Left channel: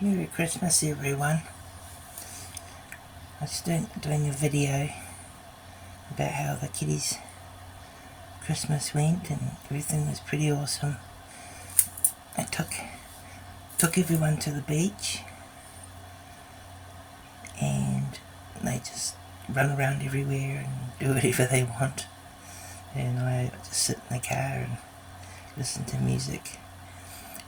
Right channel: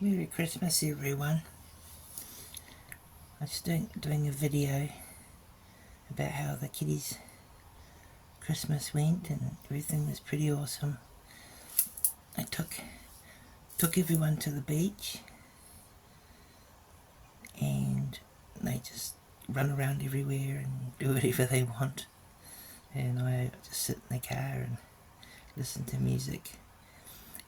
Merry Christmas, everyone. I was doing a video about how the kiddies' Christmas went, and everything was pretty awesome. I took everyone to the beach, and they just run around everywhere and do whatever they want. And I just sit in the car and listen to music,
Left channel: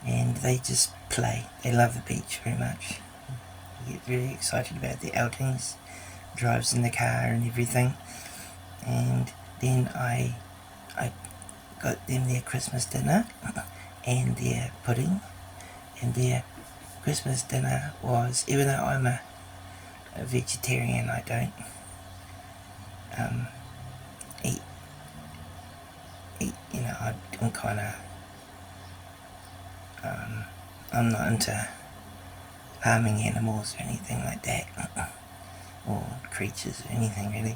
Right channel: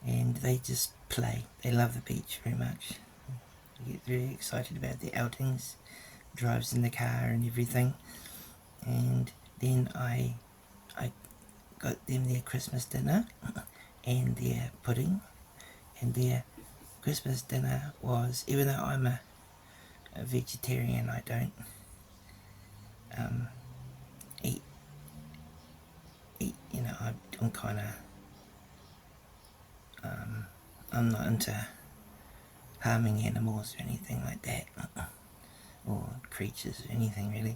and they just play. They love the beach very much. They get very excited about the outings, drives in the car and everything. And then I got them their Christmas dinner and their pudding. And their Christmas dinner was, even though I'm a vegetarian, I don't eat, I'm kind of, I'm not into harming animals or anything like that, or creatures or anything really.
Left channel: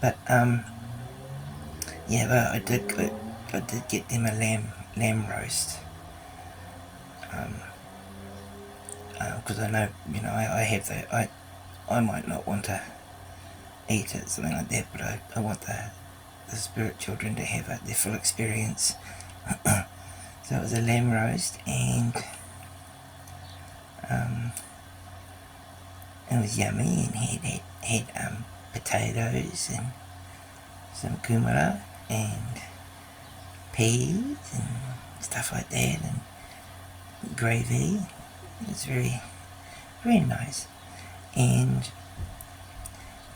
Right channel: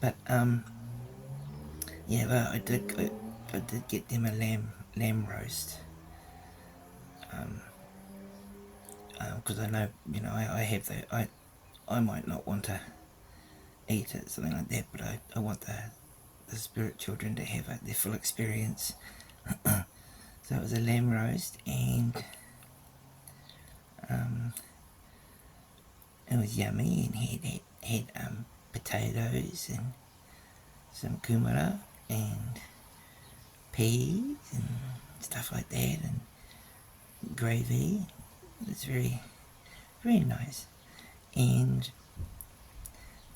But yeah, well, I did get them a lamb roast, because I know, I have the, I might not want to eat it, something like that, but I want the spirit children to have their full experience. So it was a lamb roast, and it was yummy, and had potatoes and some kumara and peas and stuff like that, and gravy. It was very, very nice. And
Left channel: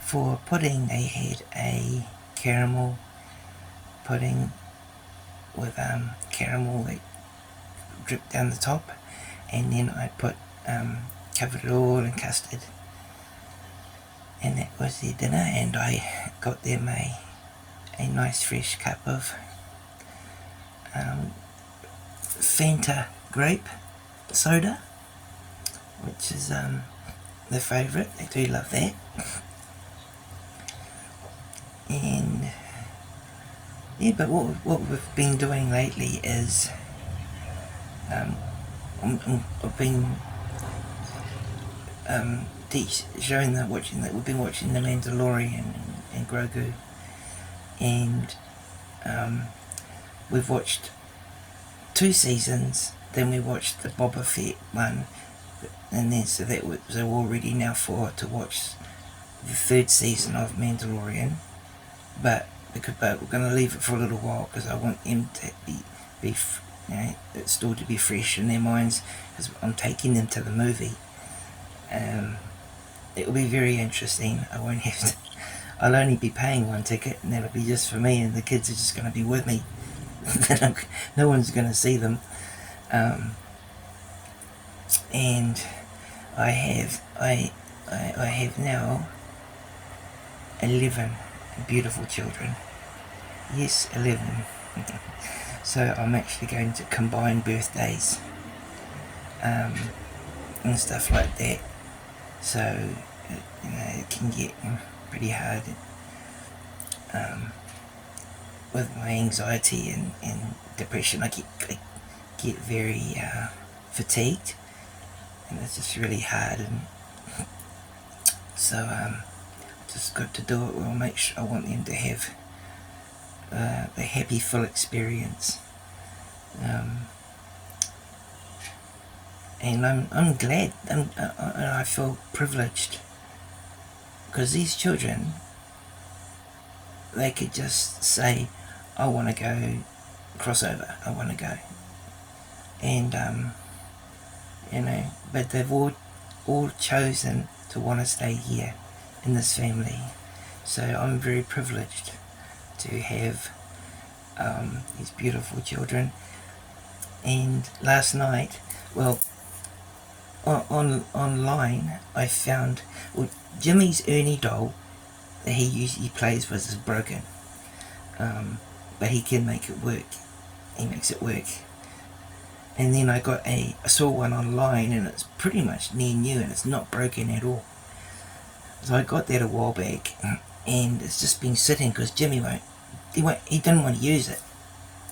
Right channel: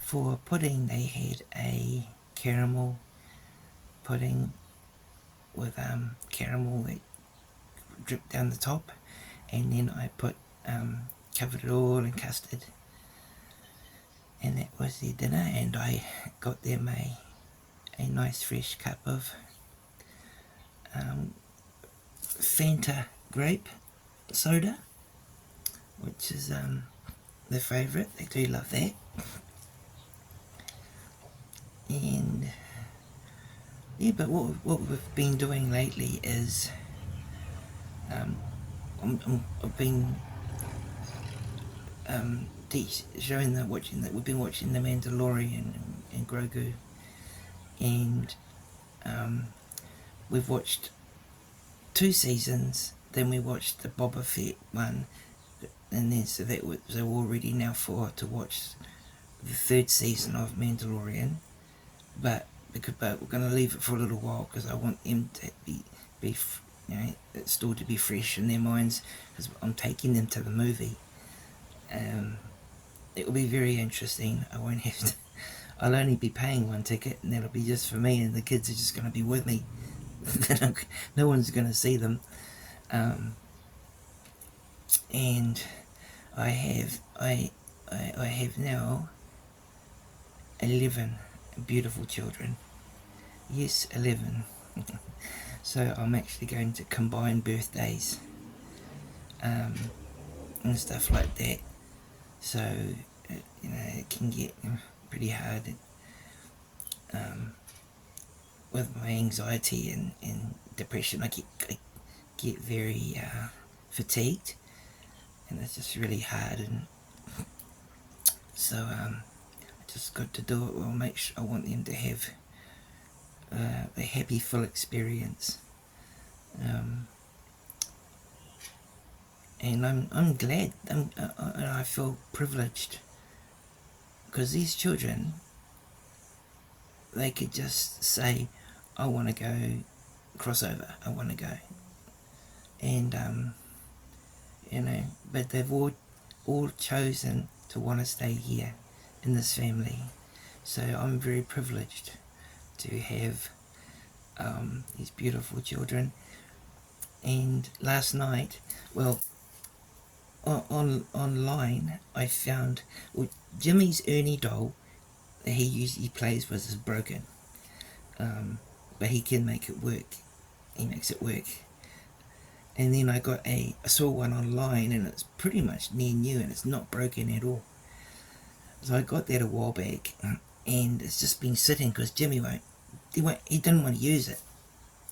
for pudding, they had a caramel pudding with caramel that dripped down the top, and then I covered it all in custard, and that was their dinner. And I got them a nice fresh cup of Fanta grape soda, which is their favourite. They do love that. And yeah, but what we've been doing lately is I've been showing we've been watching The Mandalorian and Grogu, and we've watched 2 seasons. Then we watched the Boba Fett one, and then so we're all ready now to watch the 3rd season of Mandalorian. But we're going to leave it for a little while, because I want them to be still to be fresh in their minds, because I'm taking them to the movie. It will be very interesting. I won't have to. I'll only be paying 1 ticket, and that'll be just for me, and the kids are just going to be with me. No one's going to see them. And I have now 11 beautiful children. Yes, 11. So I'm actually going to combine birthdays and stuff like that. So it can get pretty hard with my anxiety and depression. I get very fatigued, and it's just really hard. And so just got to do it. Well, make sure I want them to have a happy, full experience. And I'm glad, I feel privileged, because these children, they could just say, I want to go crossover, I want to go. And but they've all chosen to want to stay here in this family. So I'm very privileged to have these beautiful children. And last night, well, online I found, Jimmy's Ernie doll that he usually plays with is broken, but he can make it work. He makes it work. And then I saw one online, and it's pretty much near new, and it's not broken at all. So I got that a while back, and it's just been sitting, because Jimmy he didn't want to use it.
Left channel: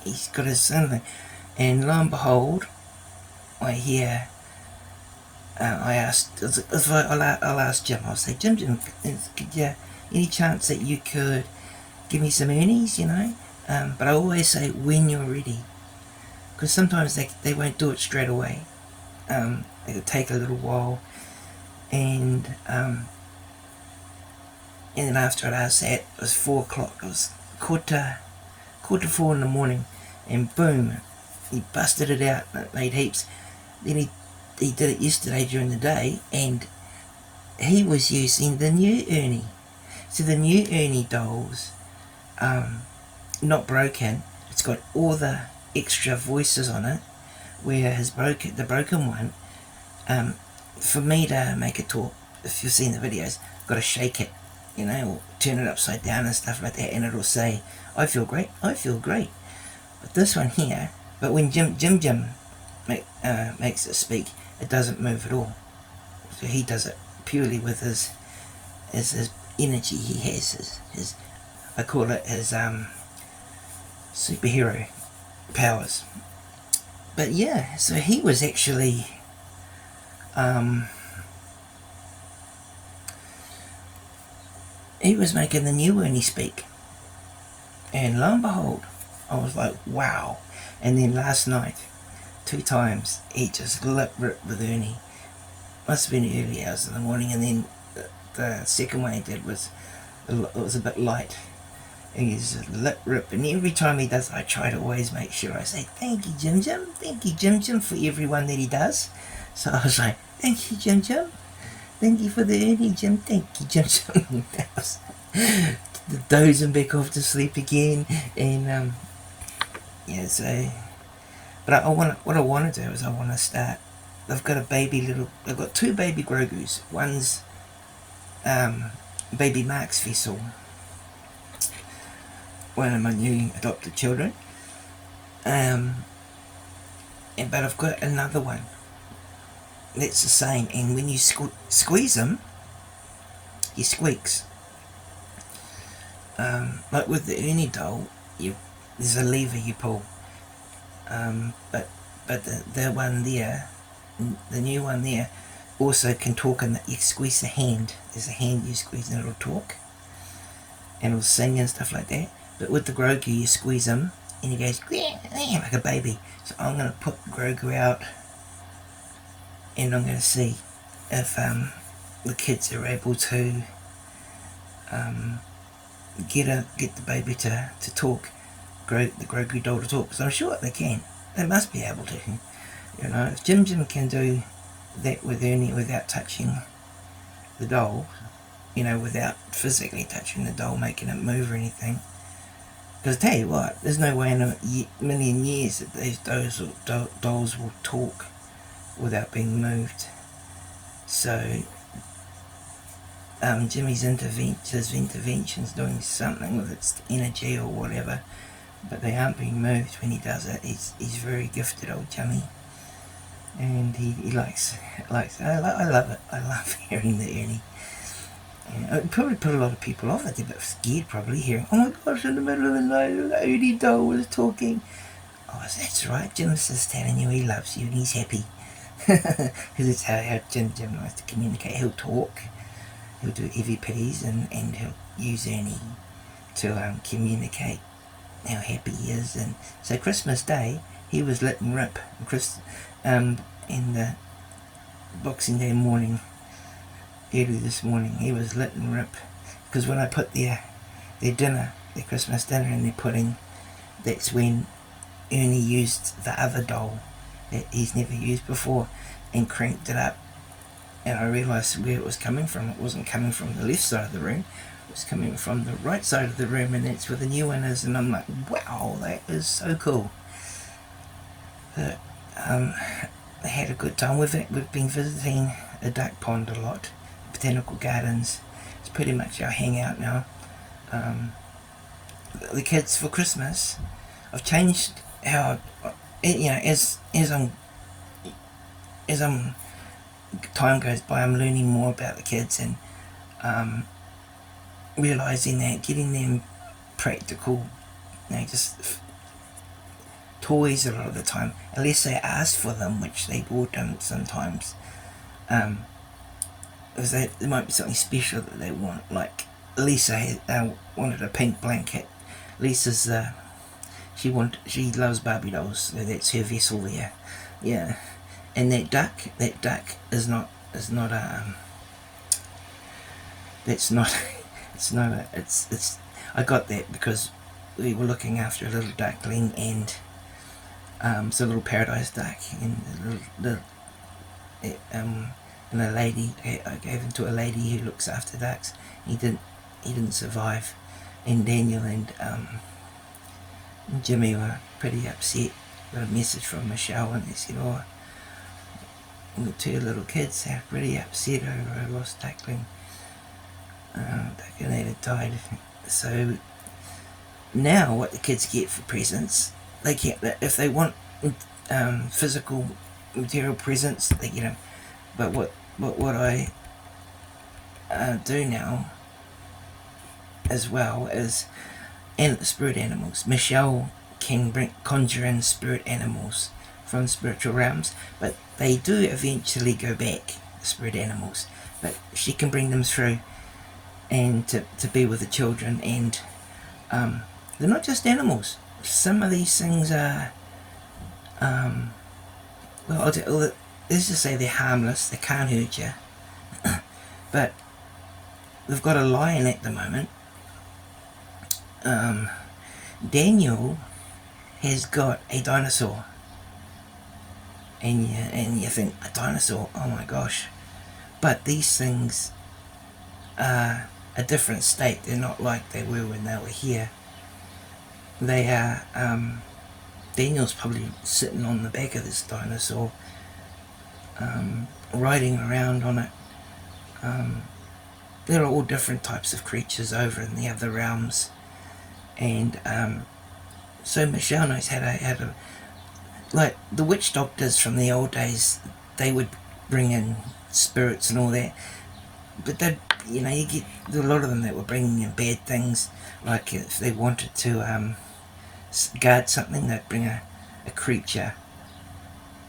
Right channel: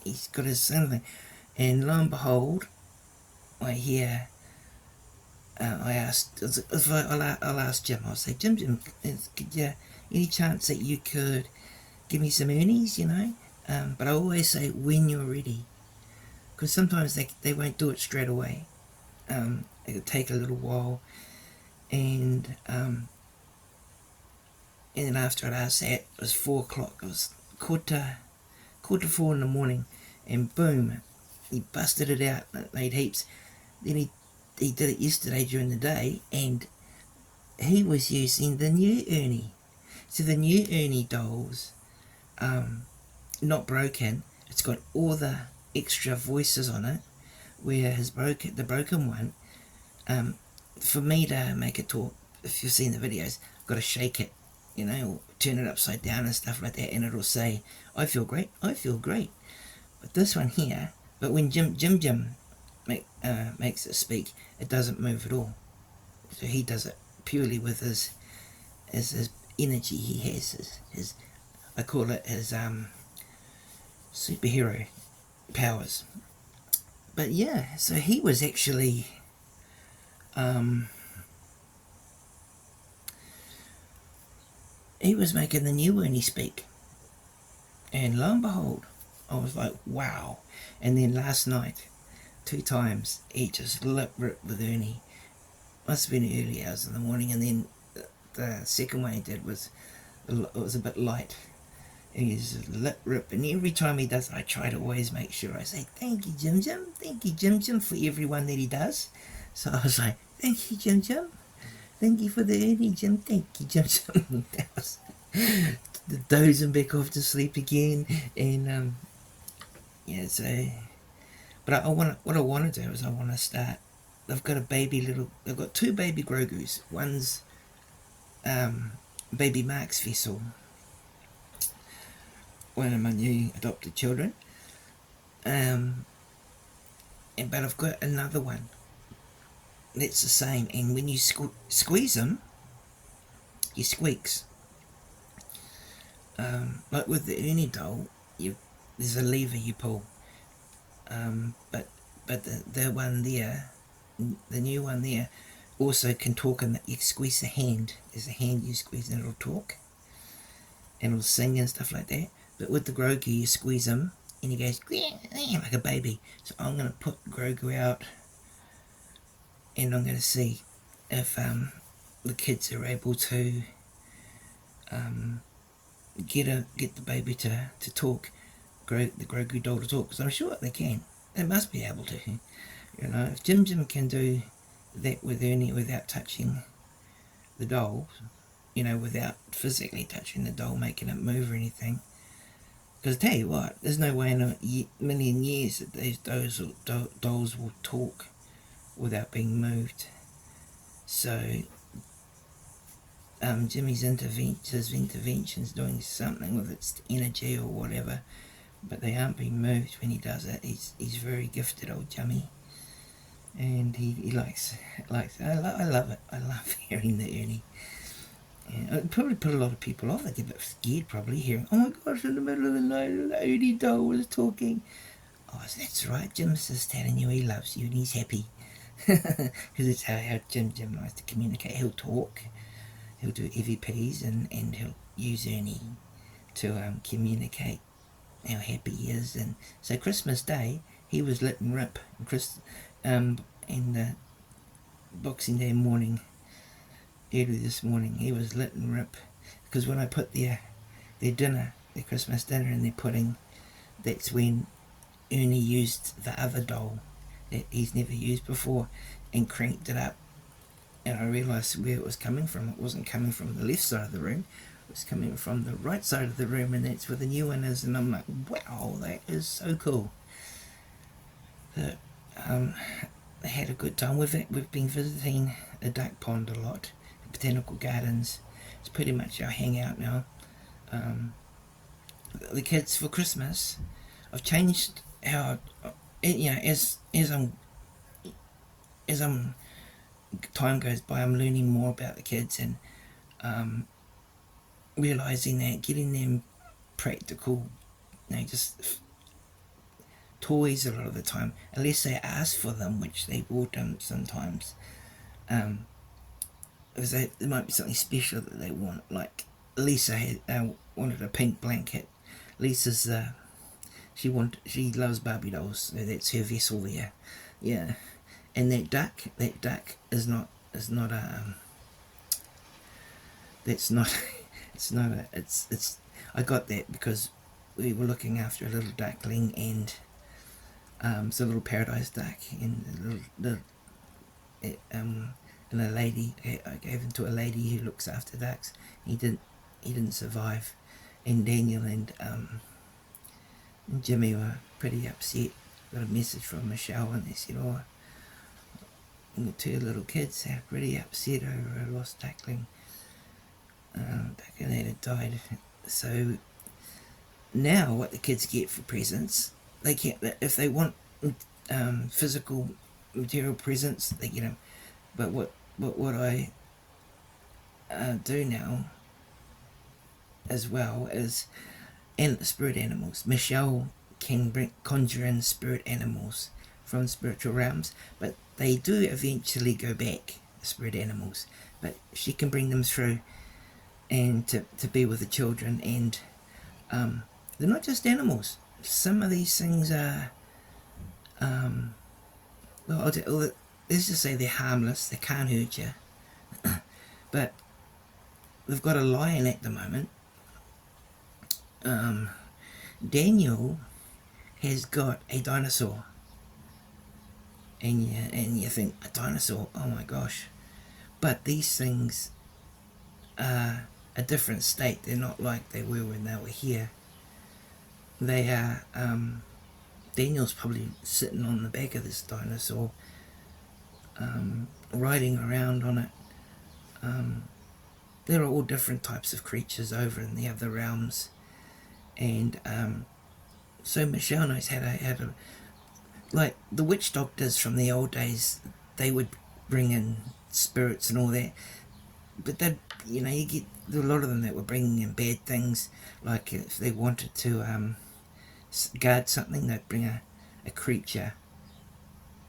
He's got his son thing, and lo and behold, I hear I asked, I'll ask Jim, I'll say, Jim, could you, any chance that you could give me some Ernies, you know? But I always say, when you're ready. Because sometimes they won't do it straight away. It'll take a little while. And then after I'd asked that, it was 4 o'clock. It was quarter 4 in the morning. And boom, he busted it out and it made heaps. Then he did it yesterday during the day, and he was using the new Ernie. So the new Ernie doll's not broken. It's got all the extra voices on it, where the broken one, for me to make it talk, if you've seen the videos, I've got to shake it, you know, or turn it upside down and stuff like that, and it'll say, I feel great, I feel great. But this one here, but when Jim makes it speak, it doesn't move at all. So he does it purely with his energy he has, his I call it his superhero powers. But yeah, so he was actually he was making the new Ernie speak, and lo and behold, I was like, wow. And then last night, 2 times, he just lip ripped with Ernie. Must have been early hours in the morning, and then the second one he did was, it was a bit light. And he's lip rip, and every time he does, I try to always make sure I say, thank you, Jim Jim, thank you, Jim Jim, for everyone that he does. So I was like, thank you, Jim Jim, thank you for the Ernie, Jim, thank you, Jim Jim. That was dozing back off to sleep again, and yeah, so, but what I want to do is I want to start, I've got I've got 2 baby Grogus. One's baby Mark's vessel, one of my new adopted children, but I've got another one that's the same, and when you squeeze him, he squeaks. Like with the Ernie doll, there's a lever you pull, but the one there, the new one there, also can talk, and you squeeze the hand. There's a hand you squeeze and it'll talk, and it'll sing and stuff like that. But with the Grogu, you squeeze him and he goes like a baby. So I'm going to put Grogu out, and I'm going to see if the kids are able to get the baby to talk, the Grogu doll to talk. Because I'm sure they can. They must be able to. You know, if Jim Jim can do that with Ernie without touching the doll, you know, without physically touching the doll, making it move or anything. Because I tell you what, there's no way in a million years that these dolls will talk without being moved. So Jimmy's intervention's doing something with its energy or whatever, but they aren't being moved when he does it. He's very gifted, old Jimmy, and he likes I love it. I love hearing the Ernie. And it probably put a lot of people off. They're a bit scared probably, hearing, oh my gosh, in the middle of the night the Ernie doll was talking. Oh, that's right, Jim's just telling you he loves you and he's happy. Because it's how Jim likes to communicate. He'll talk, he'll do EVPs, and he'll use Ernie to communicate how happy he is. And so Christmas Day, he was lit and rip. In the Boxing Day morning, early this morning, he was lit and rip. Because when I put their Christmas dinner in their pudding, that's when Ernie used the other doll that he's never used before and cranked it up, and I realised where it was coming from. It wasn't coming from the left side of the room, it was coming from the right side of the room, and that's where the new one is. And I'm like, wow, that is so cool. But, they had a good time with it. We've been visiting a duck pond a lot, the botanical gardens. It's pretty much our hangout now. The kids, for Christmas, I've changed how, you know, as time goes by, I'm learning more about the kids, and realising that getting them practical, you know, just toys a lot of the time, unless they ask for them, which they bought them sometimes, Because there might be something special that they want. Like Lisa wanted a pink blanket. Lisa's she loves Barbie dolls, so that's her vessel there. Yeah, and that duck is not that's not it's I got that because we were looking after a little duckling, and it's a little paradise duck, and and a lady, I gave him to a lady who looks after ducks. He didn't survive, and Daniel and Jimmy were pretty upset. Got a message from Michelle, and they said, "Oh, the two little kids are pretty upset over a lost duckling. Duckling that had died." So now, what the kids get for presents, they get if they want physical material presents, they get them. But what I do now as well is spirit animals. Michelle can conjure in spirit animals from spiritual realms, but they do eventually go back, the spirit animals. But she can bring them through and to be with the children, and they're not just animals. Some of these things are, let's just say they're harmless, they can't hurt you. But we've got a lion at the moment. Daniel has got a dinosaur. And you think, a dinosaur, oh my gosh. But these things are a different state. They're not like they were when they were here. They are, Daniel's probably sitting on the back of this dinosaur, riding around on it. There are all different types of creatures over in the other realms, and so Michelle knows how to like the witch doctors from the old days. They would bring in spirits and all that, but they, you get a lot of them that were bringing in bad things. Like if they wanted to guard something, they'd bring a creature,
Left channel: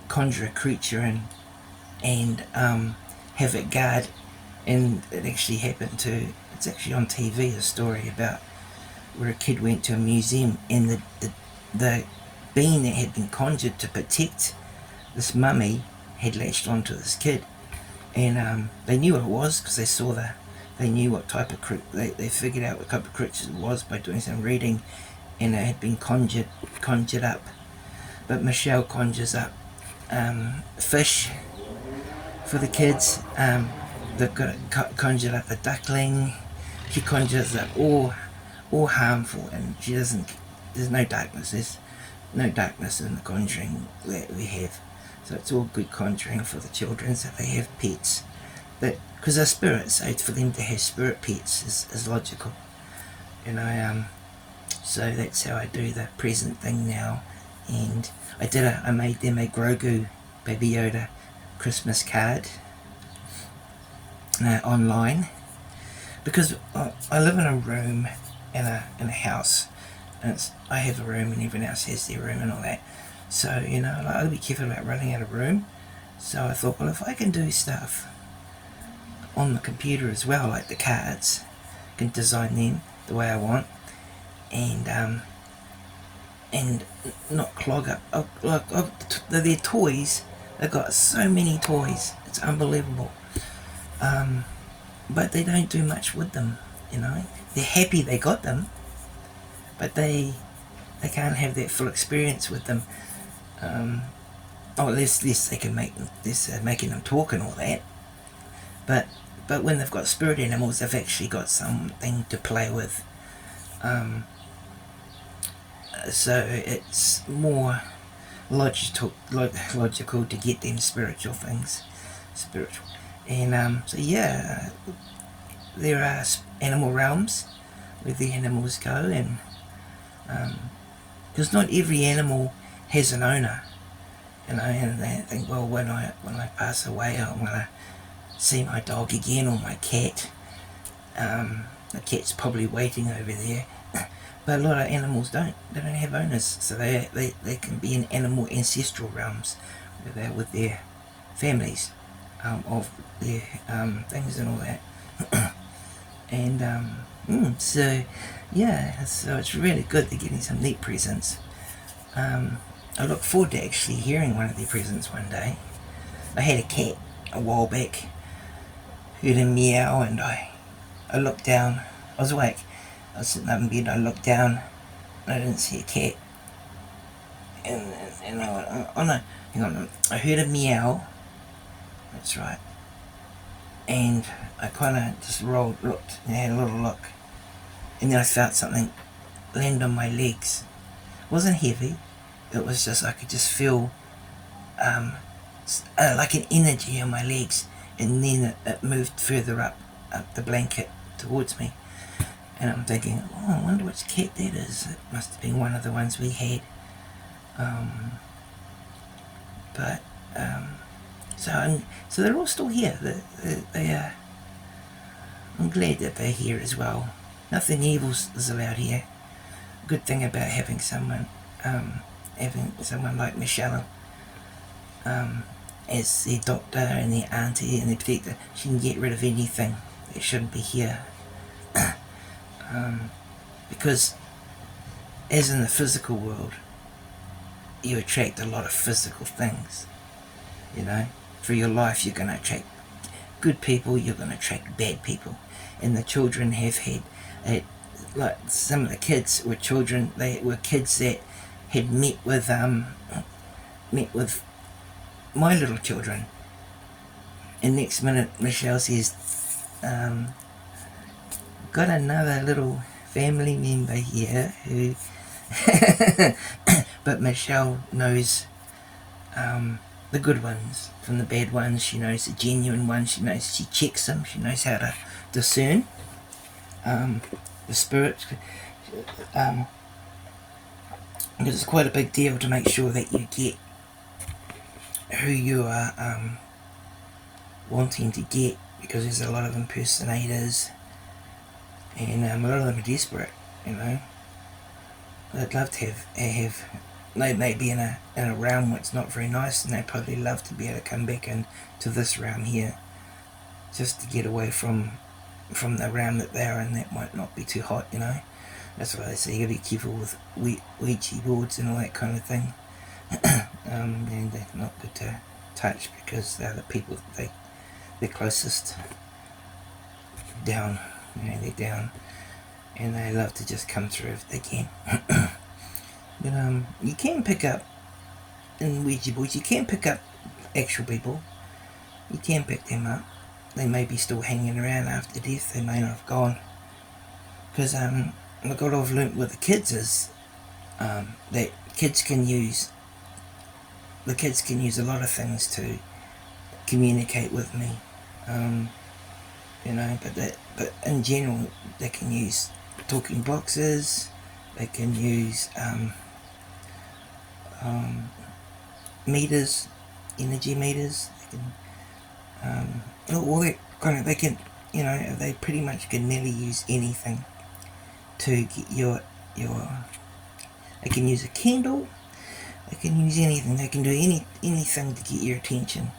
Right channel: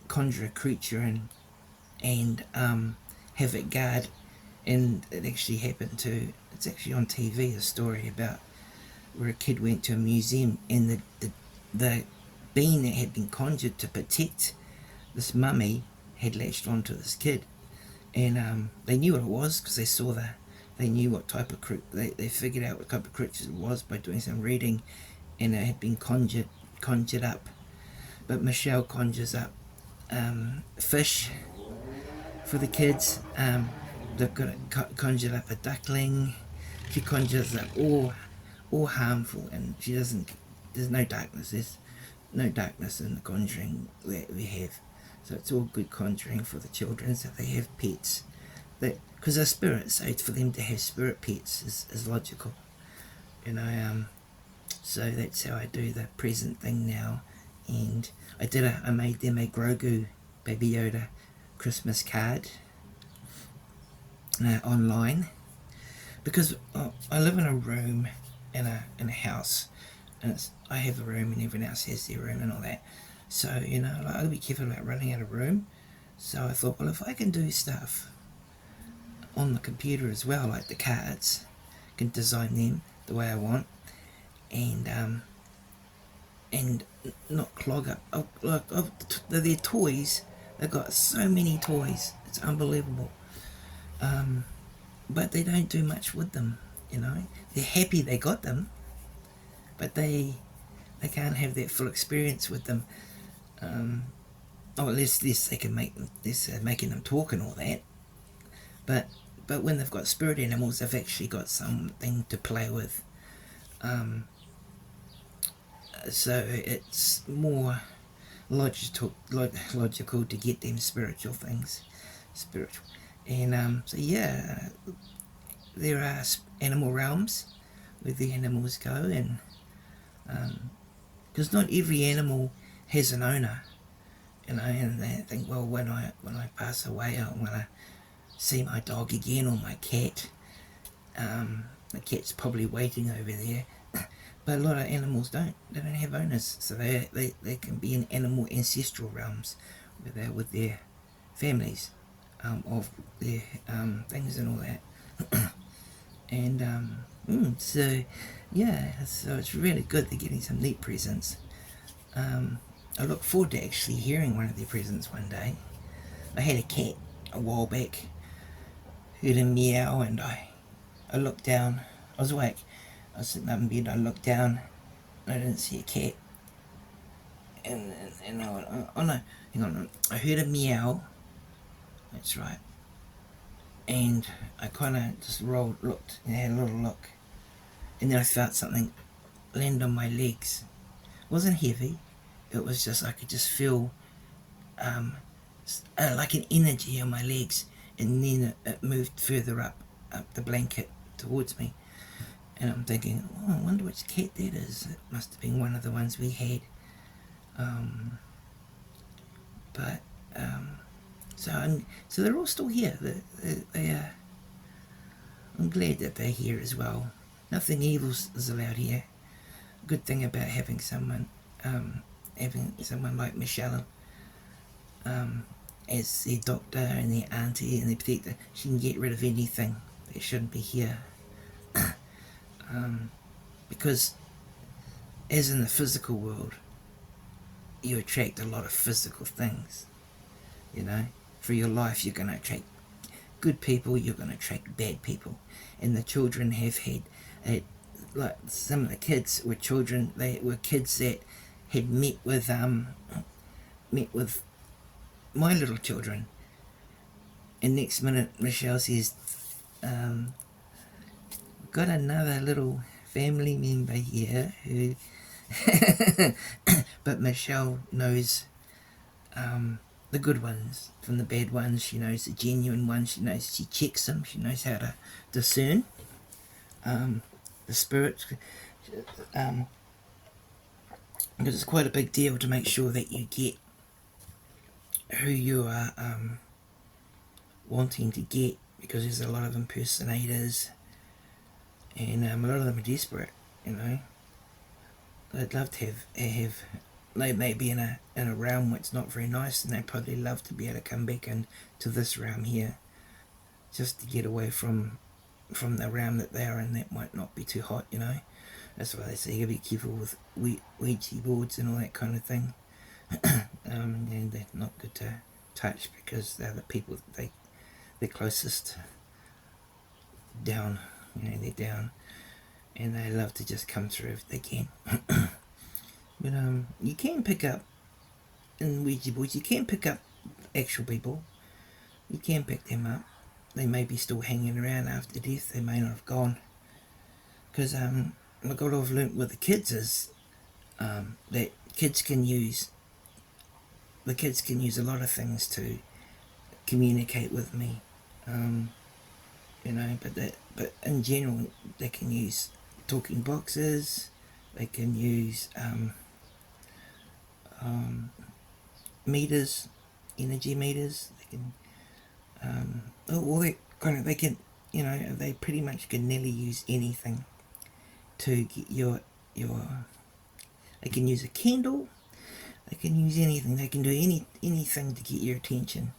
conjure a creature in, and have it guard. And it actually happened it's actually on TV, a story about where a kid went to a museum, and the being that had been conjured to protect this mummy had latched onto this kid, and they knew what it was because they knew what type of they figured out what type of creature it was by doing some reading, and it had been conjured up. But Michelle conjures up fish for the kids. They've got conjured up a duckling. She conjures up all harmful, and she doesn't. There's no darkness. There's no darkness in the conjuring that we have. So it's all good conjuring for the children. So they have pets, that because they're spirits. So for them to have spirit pets is logical, So that's how I do the present thing now. And I made them a Grogu Baby Yoda Christmas card. Online, because I live in a room in a house, and I have a room and everyone else has their room and all that. So I'll be careful about running out of room. So I thought, well, if I can do stuff on the computer as well, like the cards, I can design them the way I want, and not clog up. They're toys. They've got so many toys. It's unbelievable. But they don't do much with them, They're happy they got them, but they can't have that full experience with them. Less they can make them, making them talk and all that. But when they've got spirit animals, they've actually got something to play with. So it's more logical to get them spiritual things. And so there are animal realms where the animals go, and because not every animal has an owner, and they think, well, when I pass away, I want to see my dog again, or my cat. The cat's probably waiting over there. But a lot of animals don't. They don't have owners, so they can be in animal ancestral realms where they're with their families. of their things and all that. And so yeah, so it's really good. They're getting some neat presents. I look forward to actually hearing one of their presents one day. I had a cat a while back, heard him meow, and I looked down. I was awake. I was sitting up in bed. I looked down, and I didn't see a cat. And I went, oh no, hang on. I heard a meow. That's right. And I kind of just looked, and had a little look, and then I felt something land on my legs. It wasn't heavy. It was just, I could just feel like an energy on my legs, and then it moved further up the blanket towards me. And I'm thinking, oh, I wonder which cat that is. It must have been one of the ones we had. So they're all still here. They are. I'm glad that they're here as well. Nothing evil is allowed here. Good thing about having someone like Michelle as their doctor and their auntie and their protector. She can get rid of anything that shouldn't be here. Because as in the physical world, you attract a lot of physical things. You know, for your life, you're going to attract good people, you're going to attract bad people. And the children have had, like some of the kids were children, they were kids that had met with my little children. And next minute, Michelle says, got another little family member here who, but Michelle knows the good ones from the bad ones. She knows the genuine ones. She knows, she checks them. She knows how to discern the spirit. Because it's quite a big deal to make sure that you get who you are wanting to get, because there's a lot of impersonators, and a lot of them are desperate, you know. They'd love to have they may be in a realm where it's not very nice, and they'd probably love to be able to come back into this realm here, just to get away from the realm that they're in that might not be too hot, you know. That's why they say you gotta be careful with Ouija boards and all that kind of thing. And they're not good to touch, because they're the people they're closest down, you know, they're down, and they love to just come through if they can. But you can pick up in Ouija boards, you can pick up actual people. You can pick them up. They may be still hanging around after death. They may not have gone. Because what I've learnt with the kids is that kids can use a lot of things to communicate with me. You know, but in general, they can use talking boxes. They can use meters, energy meters. They can all that kind of. They can, you know, they pretty much can nearly use anything to get your. They can use a candle. They can use anything. They can do anything to get your attention.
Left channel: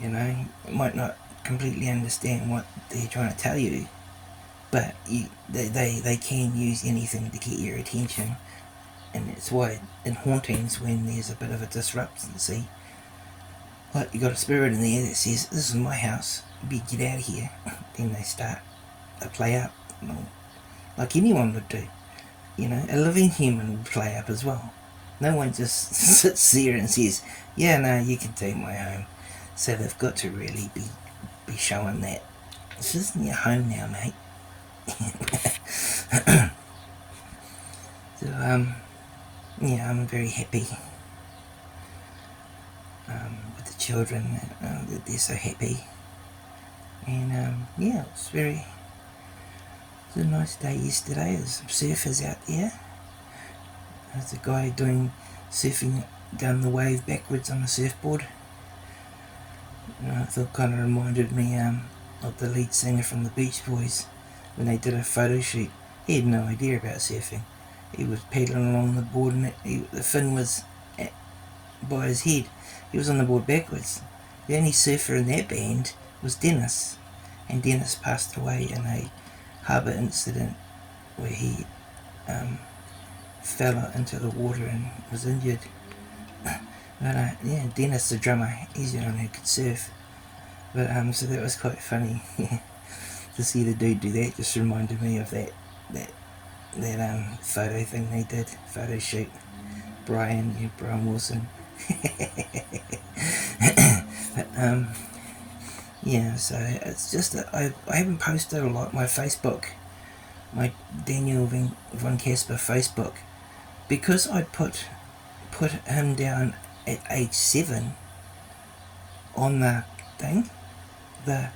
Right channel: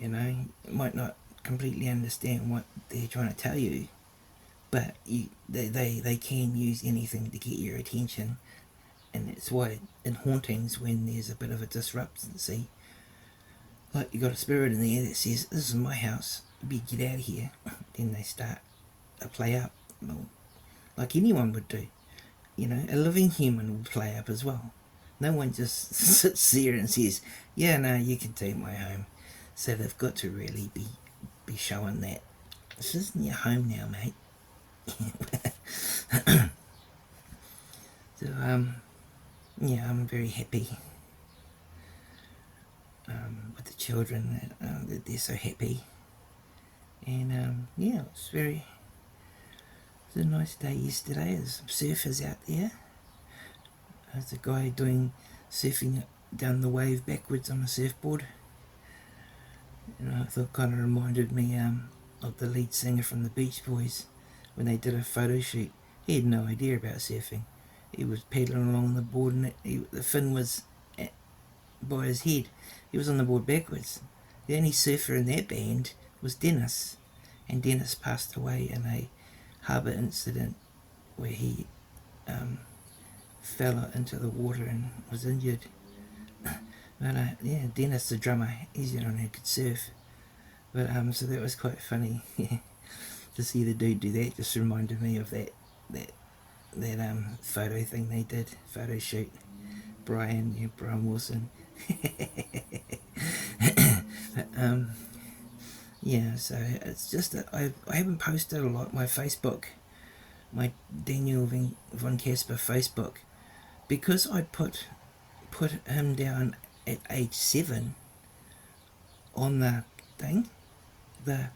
You know, you might not completely understand what they're trying to tell you, but they can use anything to get your attention. And it's why in hauntings, when there's a bit of a disruptancy, like you got a spirit in there that says, this is my house, you better get out of here, then they start to play up, like anyone would do. You know, a living human would play up as well. No one just sits there and says, yeah, no, you can take my home. So they've got to really be showing that this isn't your home now, mate. So yeah, I'm very happy with the children, that they're so happy. And yeah, it was a nice day yesterday. There's some surfers out there. There's a guy doing surfing down the wave backwards on a surfboard. I thought kind of reminded me of the lead singer from the Beach Boys when they did a photo shoot. He had no idea about surfing. He was paddling along the board, and the fin was by his head. He was on the board backwards, the only surfer in that band was Dennis, and Dennis passed away in a harbour incident where he fell into the water and was injured. But yeah, Dennis the drummer, he's the only one who could surf. But so that was quite funny to see the dude do that. Just reminded me of that photo thing they did, photo shoot. Brian Wilson. But, yeah, so it's just that I haven't posted a lot. My Facebook, my Daniel Von-Casper Facebook, because I put him down at age 7 on the thing, the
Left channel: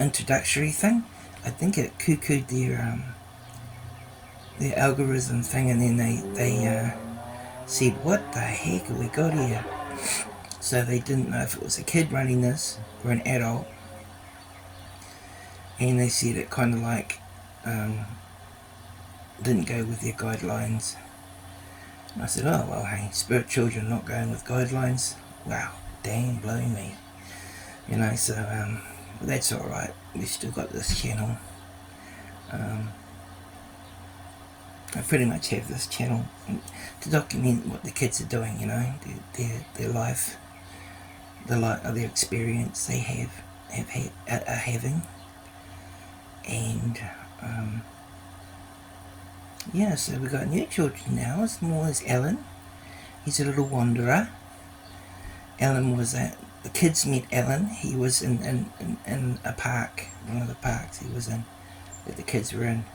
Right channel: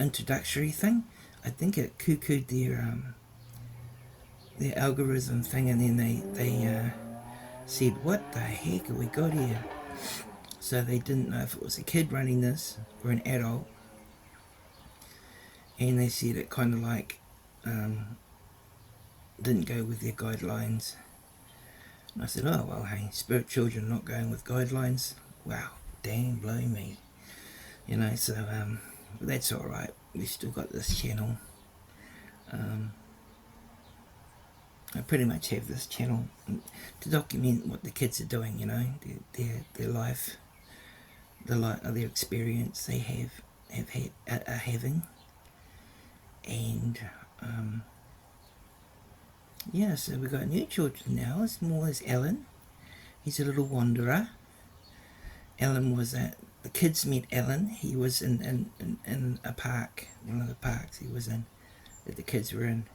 introductory thing. I think it cuckooed their algorithm thing, and then they said, what the heck have we got here? So they didn't know if it was a kid running this or an adult, and they said it kind of like didn't go with their guidelines. And I said, oh well, hey, spirit children not going with guidelines, wow, dang, blow me, you know. So that's all right. We've still got this channel. I pretty much have this channel to document what the kids are doing, you know, their life, their experience they are having, and yeah. So we've got new children now. As small as Alan, he's a little wanderer. Alan was the kids met Alan. He was in a park, one of the parks he was in, that the kids were in.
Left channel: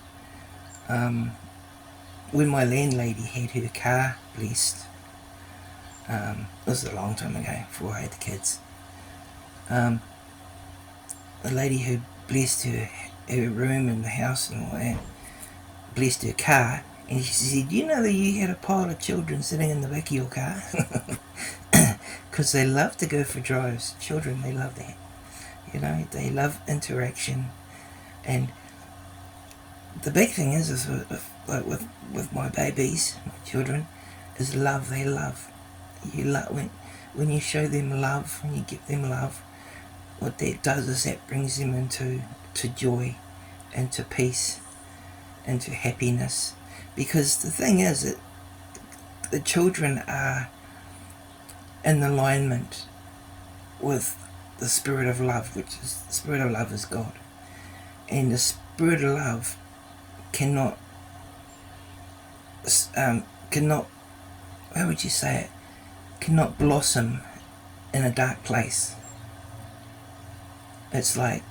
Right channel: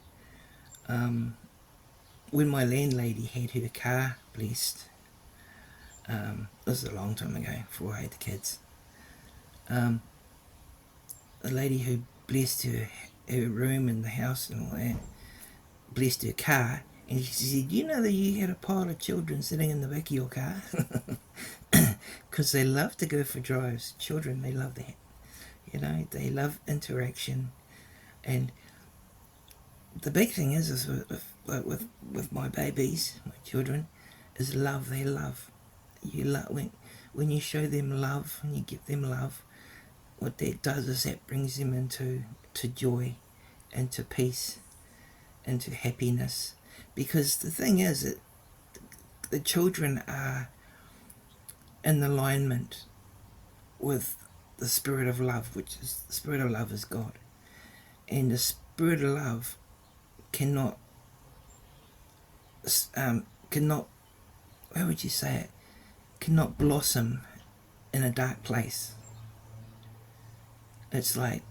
When my landlady had her car blessed, this was a long time ago, before I had the kids, the lady who blessed her room and the house and all that, blessed her car, and she said, you know that you had a pile of children sitting in the back of your car? Because they love to go for drives. Children, they love that. You know, they love interaction. And the big thing is with my babies, my children, is love. They love. You love when you show them love, when you give them love, what that does is that brings them into joy, into peace, into happiness. Because the thing is that the children are in alignment with the spirit of love, which is the spirit of love is God. And the spirit of love cannot, how would you say it, cannot blossom in a dark place. It's like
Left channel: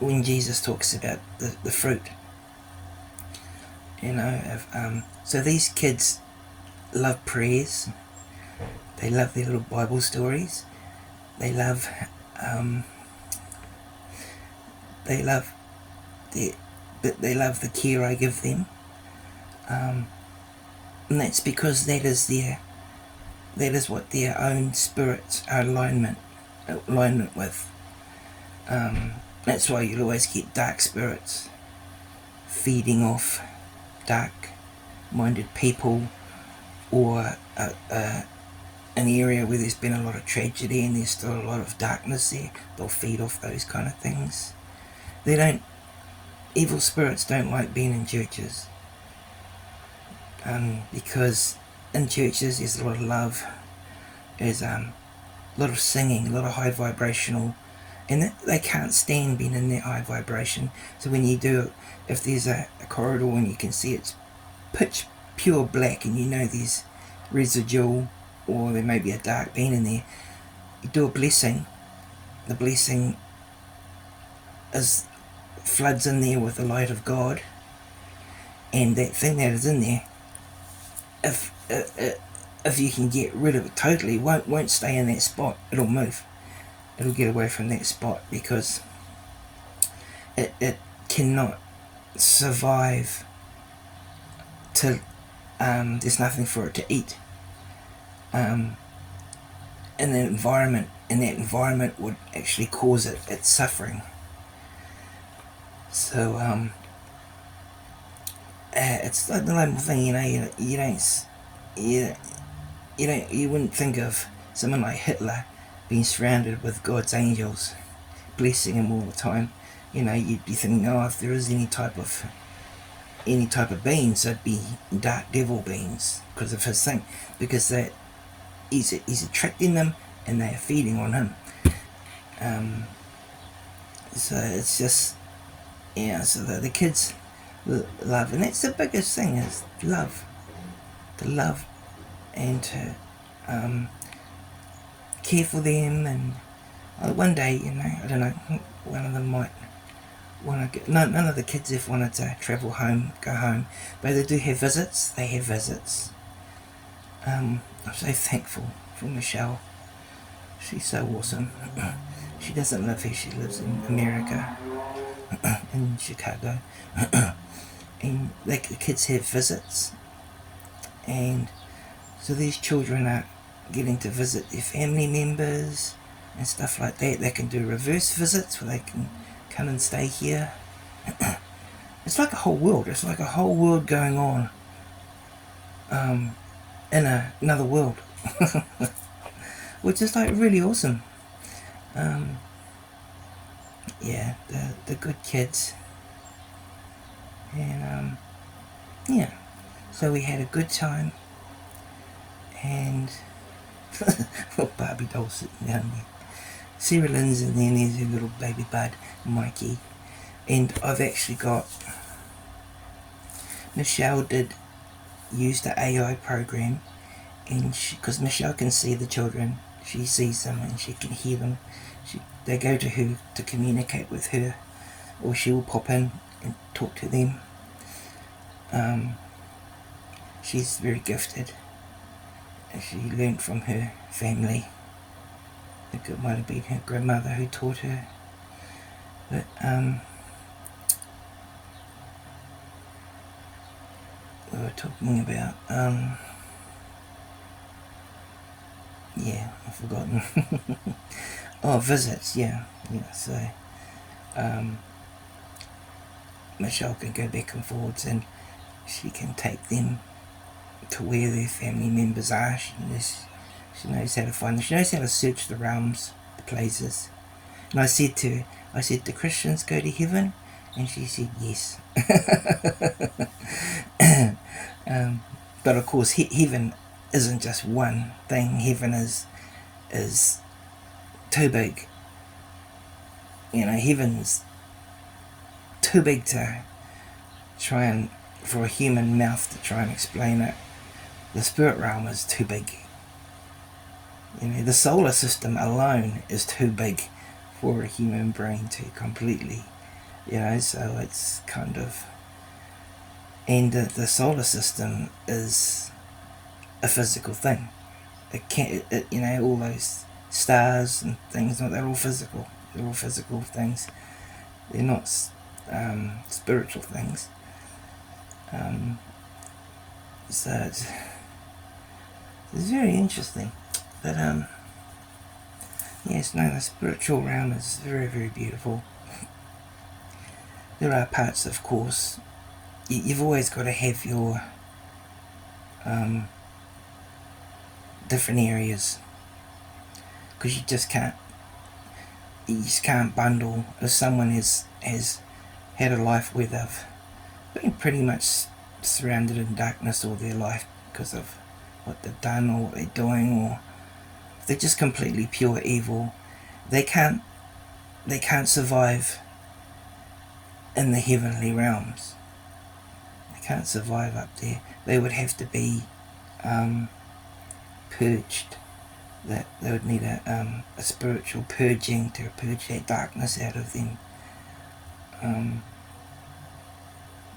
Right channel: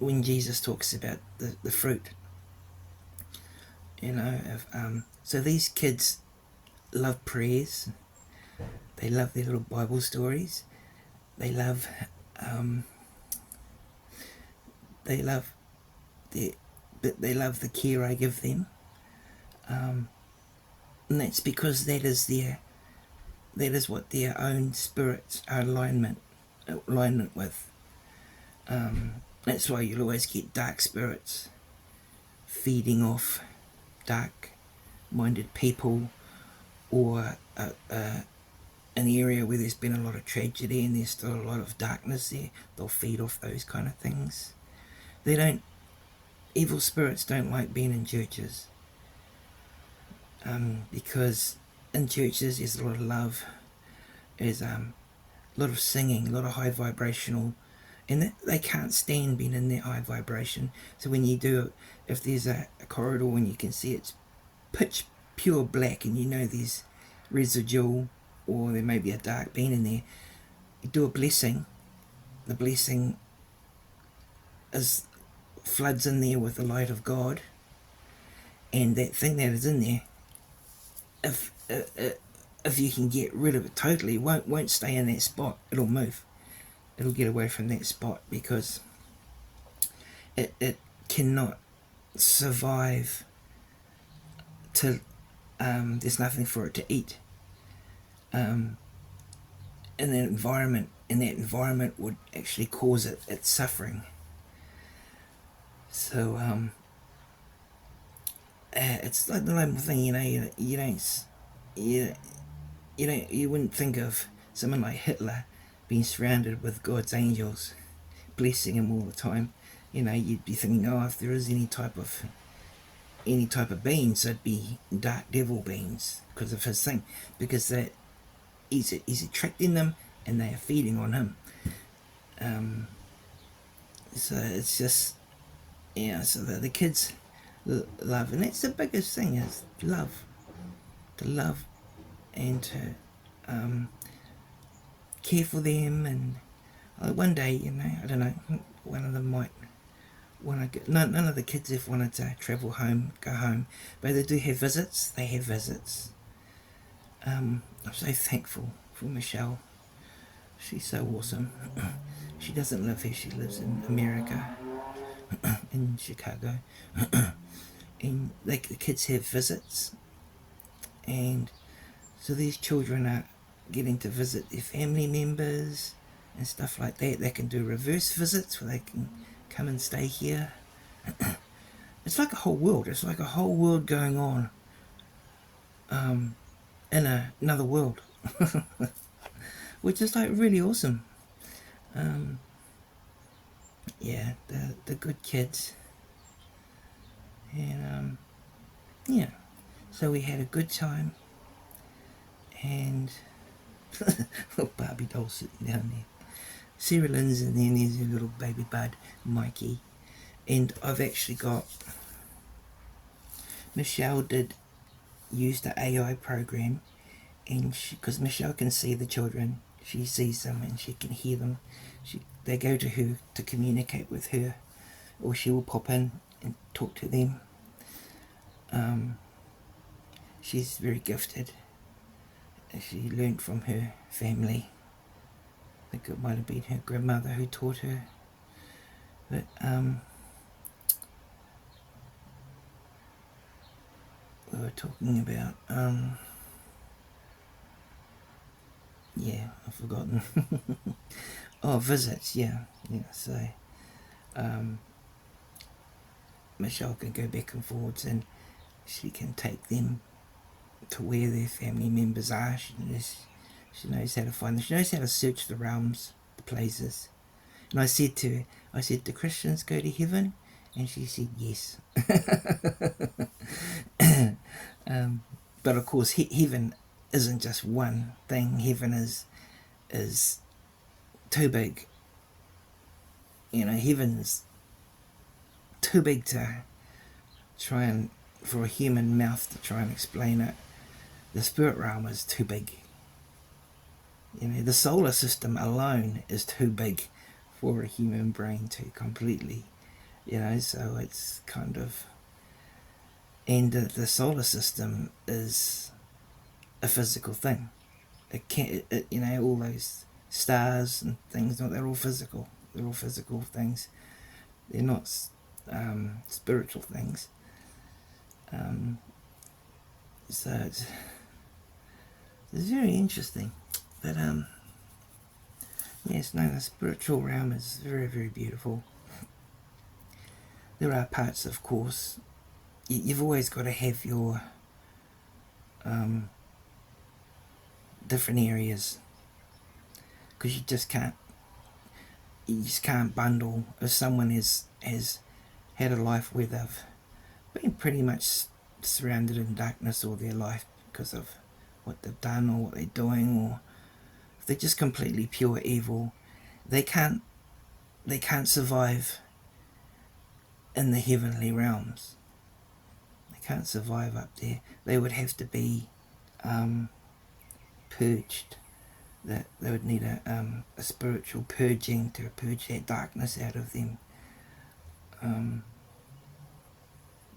when Jesus talks about the fruit, you know. So these kids love prayers, they love their little Bible stories, they love the care I give them, and that's because that is what their own spirits are alignment with. That's why you'll always get dark spirits feeding off dark-minded people, or an area where there's been a lot of tragedy and there's still a lot of darkness there. They'll feed off those kind of things. Evil spirits don't like being in churches, because in churches there's a lot of love, there's a lot of singing, a lot of high vibrational, and they can't stand being in that high vibration. So when you do, if there's a corridor and you can see it's pitch pure black and you know there's residual, or there may be a dark being in there, you do a blessing. The blessing floods in there with the light of God, and that thing that is in there, if you can get rid of it totally, won't stay in that spot. It'll move. It'll get away from that spot, because it cannot survive till there's nothing for it to eat. In that environment, would actually cause its suffering. So it's like the normal thing, you know. You wouldn't think of someone like Hitler being surrounded with God's angels, blessing him all the time. You know, you'd be thinking, oh, if there is any type of beings, they'd be dark devil beings because of his thing, because that he's attracting them and they are feeding on him. So it's just, yeah, so the kids love, and that's the biggest thing, is love. To love and to care for them, and one day, you know, I don't know, one of them might want to get, none of the kids have wanted to travel home, go home, but they do have visits. They have visits. I'm so thankful for Michelle. She's so awesome. She doesn't live here, she lives in America, in Chicago. And the kids have visits, and so these children are getting to visit their family members and stuff like that. They can do reverse visits where they can come and stay here. It's like a whole world. It's like a whole world going on in another world, which is like really awesome. Yeah, the good kids, and yeah. So we had a good time, and Barbie doll sitting down there. Sarah Lynn's in there, and there's her little baby bud, Mikey. And I've actually got, Michelle did use the AI program, and because Michelle can see the children, she sees them and she can hear them. They go to her to communicate with her, or she will pop in and talk to them. She's very gifted. She learnt from her family. I think it might have been her grandmother who taught her. But we were talking about yeah, I've forgotten. Oh, visits, yeah. So Michelle can go back and forwards, and she can take them to where their family members are. She knows how to find them. She knows how to search the realms, the places. And I said to her, do Christians go to heaven? And she said yes. But of course, heaven isn't just one thing. Heaven is too big. You know, heaven's too big to try and, for a human mouth to try and explain it. The spirit realm is too big. You know, the solar system alone is too big for a human brain to completely, you know, so it's kind of, and the solar system is a physical thing. It can't, you know, all those stars and things, they're all physical. They're all physical things. They're not spiritual things. So it's very interesting. But yes, no, the spiritual realm is very, very beautiful. There are parts, of course, you've always got to have your different areas, because you just can't bundle. If someone has had a life where they've been pretty much surrounded in darkness all their life because of what they've done or what they're doing, or if they're just completely pure evil, they can't survive in the heavenly realms. They can't survive up there. They would have to be purged. That they would need a spiritual purging to purge that darkness out of them.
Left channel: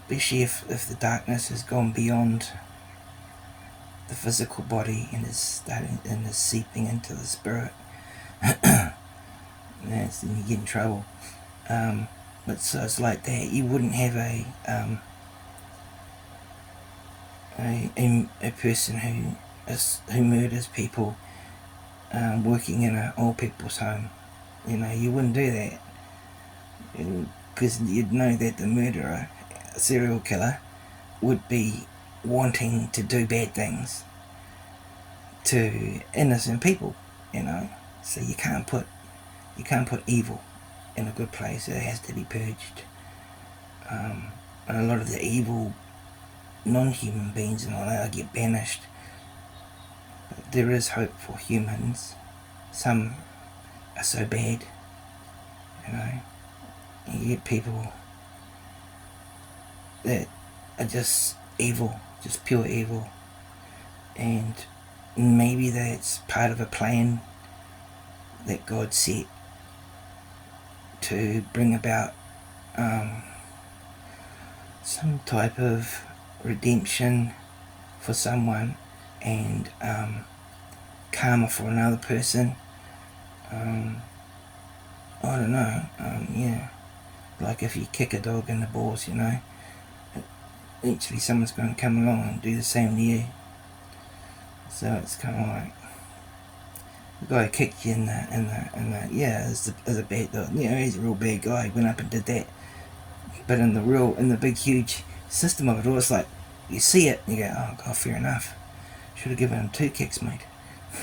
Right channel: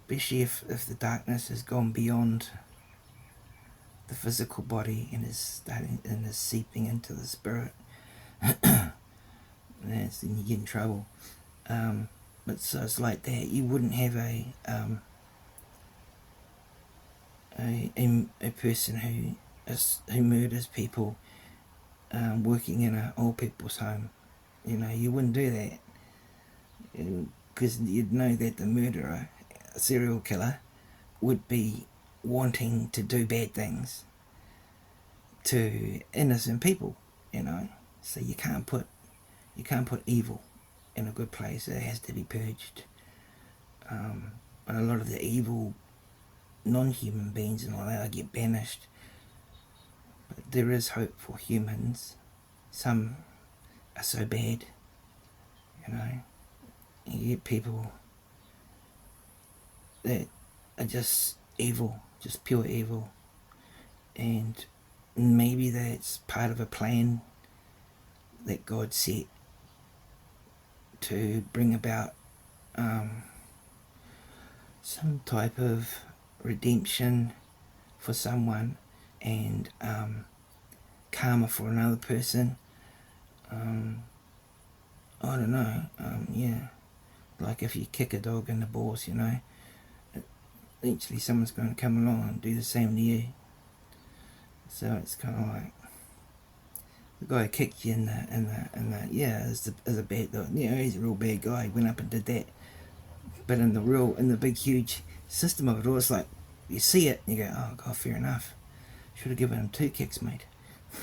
Especially if the darkness has gone beyond the physical body and is seeping into the spirit. Then you get in trouble. But so it's like that. You wouldn't have a person who murders people working in an old people's home. You know, you wouldn't do that, because you'd know that the murderer, a serial killer, would be wanting to do bad things to innocent people, you know. So you can't put evil in a good place. It has to be purged. And a lot of the evil non-human beings and all that get banished. But there is hope for humans. Some are so bad, you know. You get people that are just evil, just pure evil, and maybe that's part of a plan that God set to bring about some type of redemption for someone and karma for another person. I don't know, yeah, like if you kick a dog in the balls, you know, eventually someone's going to come along and do the same to you. So it's kind of like, the guy kicked you in the yeah, as a bad dog, you know, he's a real bad guy, he went up and did that. But in the big huge system of it all, it's like, you see it and you go, oh god, fair enough, should have given him 2 kicks, mate.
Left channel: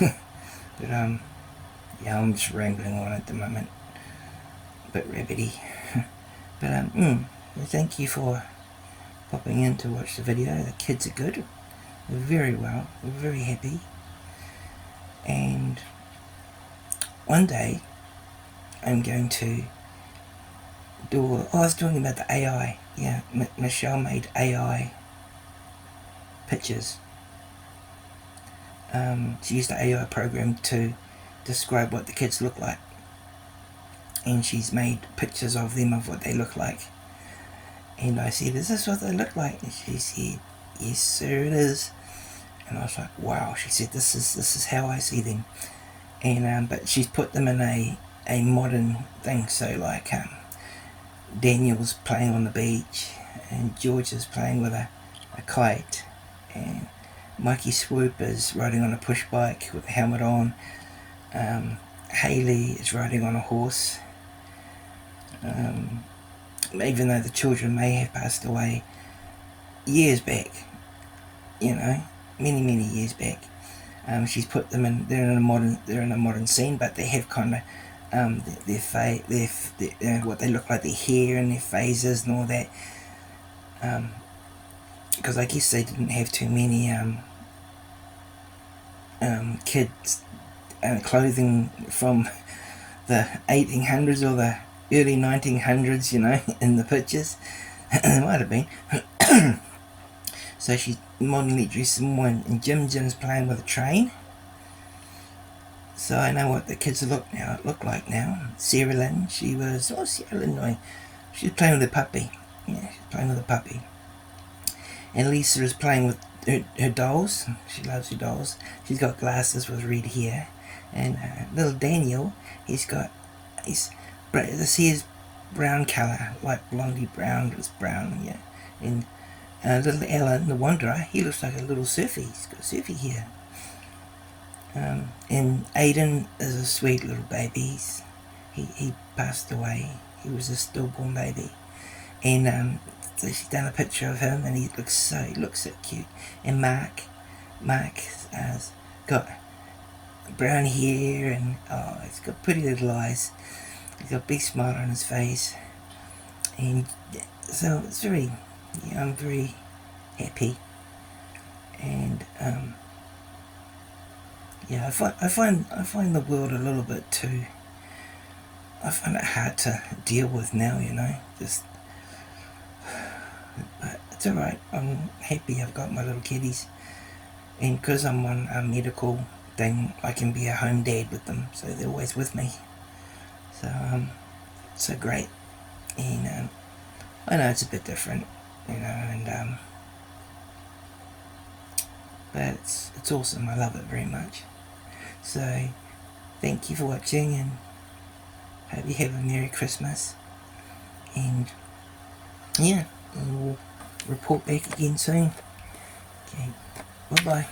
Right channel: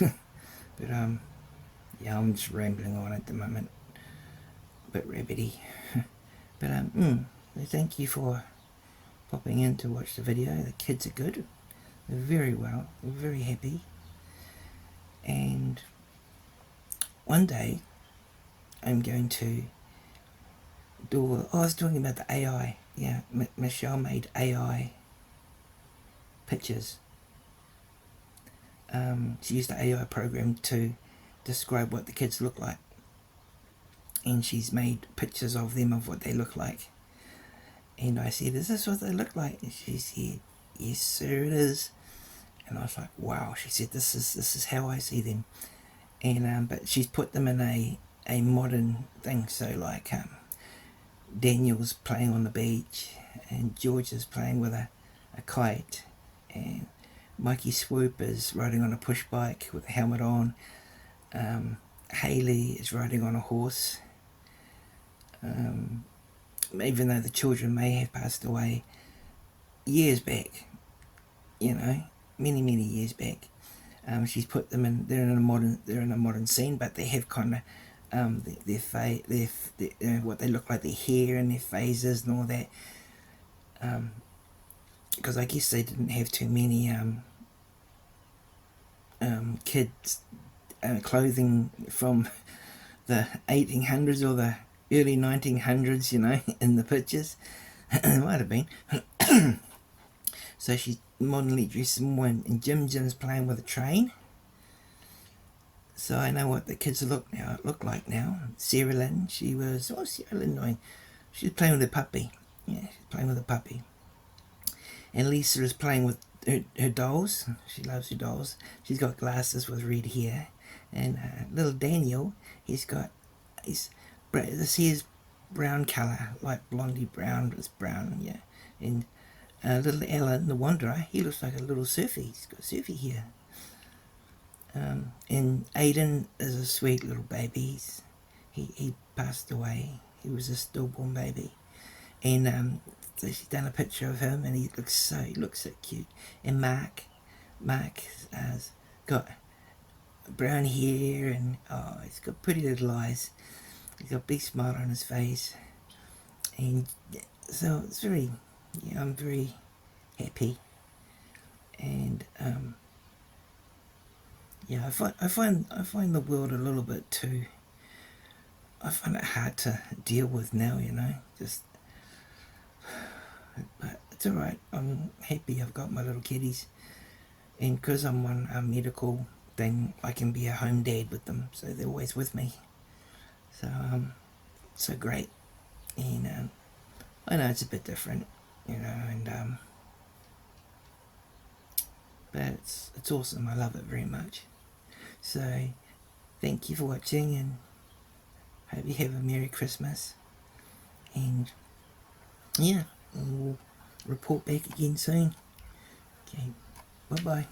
But yeah, I'm just rambling on at the moment, a bit rabbity. But thank you for popping in to watch the video. The kids are good, they're very well, they're very happy. And one day I'm going to do, I was talking about the AI, yeah, Michelle made AI pictures. She used the AI program to describe what the kids look like, and she's made pictures of them of what they look like. And I said, is this what they look like? And she said, yes sir, it is. And I was like, wow. She said, this is how I see them. And but she's put them in a modern thing. So like Daniel's playing on the beach, and George is playing with a kite, and Mikey Swoop is riding on a push bike with a helmet on. Haley is riding on a horse. Even though the children may have passed away years back, you know, many years back, she's put them in. They're in a modern scene, but they have kind of their what they look like, their hair and their phases and all that. Because I guess they didn't have too many kids clothing from the 1800s or the early 1900s, you know, in the pictures. It might have been. So she's modernly dressed in Jim's playing with a train. So I know what the kids look like now. Sarah Lynn, she was playing with a puppy. Yeah, she's playing with a puppy. And Lisa is playing with her dolls. She loves her dolls. She's got glasses with red hair. And little Daniel, his hair's brown colour, like blondie brown, it's brown, yeah. And little Alan, the wanderer, he looks like a little surfy. He's got surfy hair. And Aiden is a sweet little baby. He passed away. He was a stillborn baby. And so she's done a picture of him, and he looks so cute. And Mark has got brown hair, and oh, he's got pretty little eyes. He's got a big smile on his face, and so it's very, yeah, I'm very happy. And yeah, I find the world a little bit too. I find it hard to deal with now, you know. But it's alright. I'm happy I've got my little kiddies, and because I'm on a medical thing, I can be a home dad with them, so they're always with me. So great. And I know it's a bit different, you know, and but it's awesome. I love it very much. So thank you for watching, and hope you have a Merry Christmas. And yeah, we'll report back again soon. Okay, bye bye.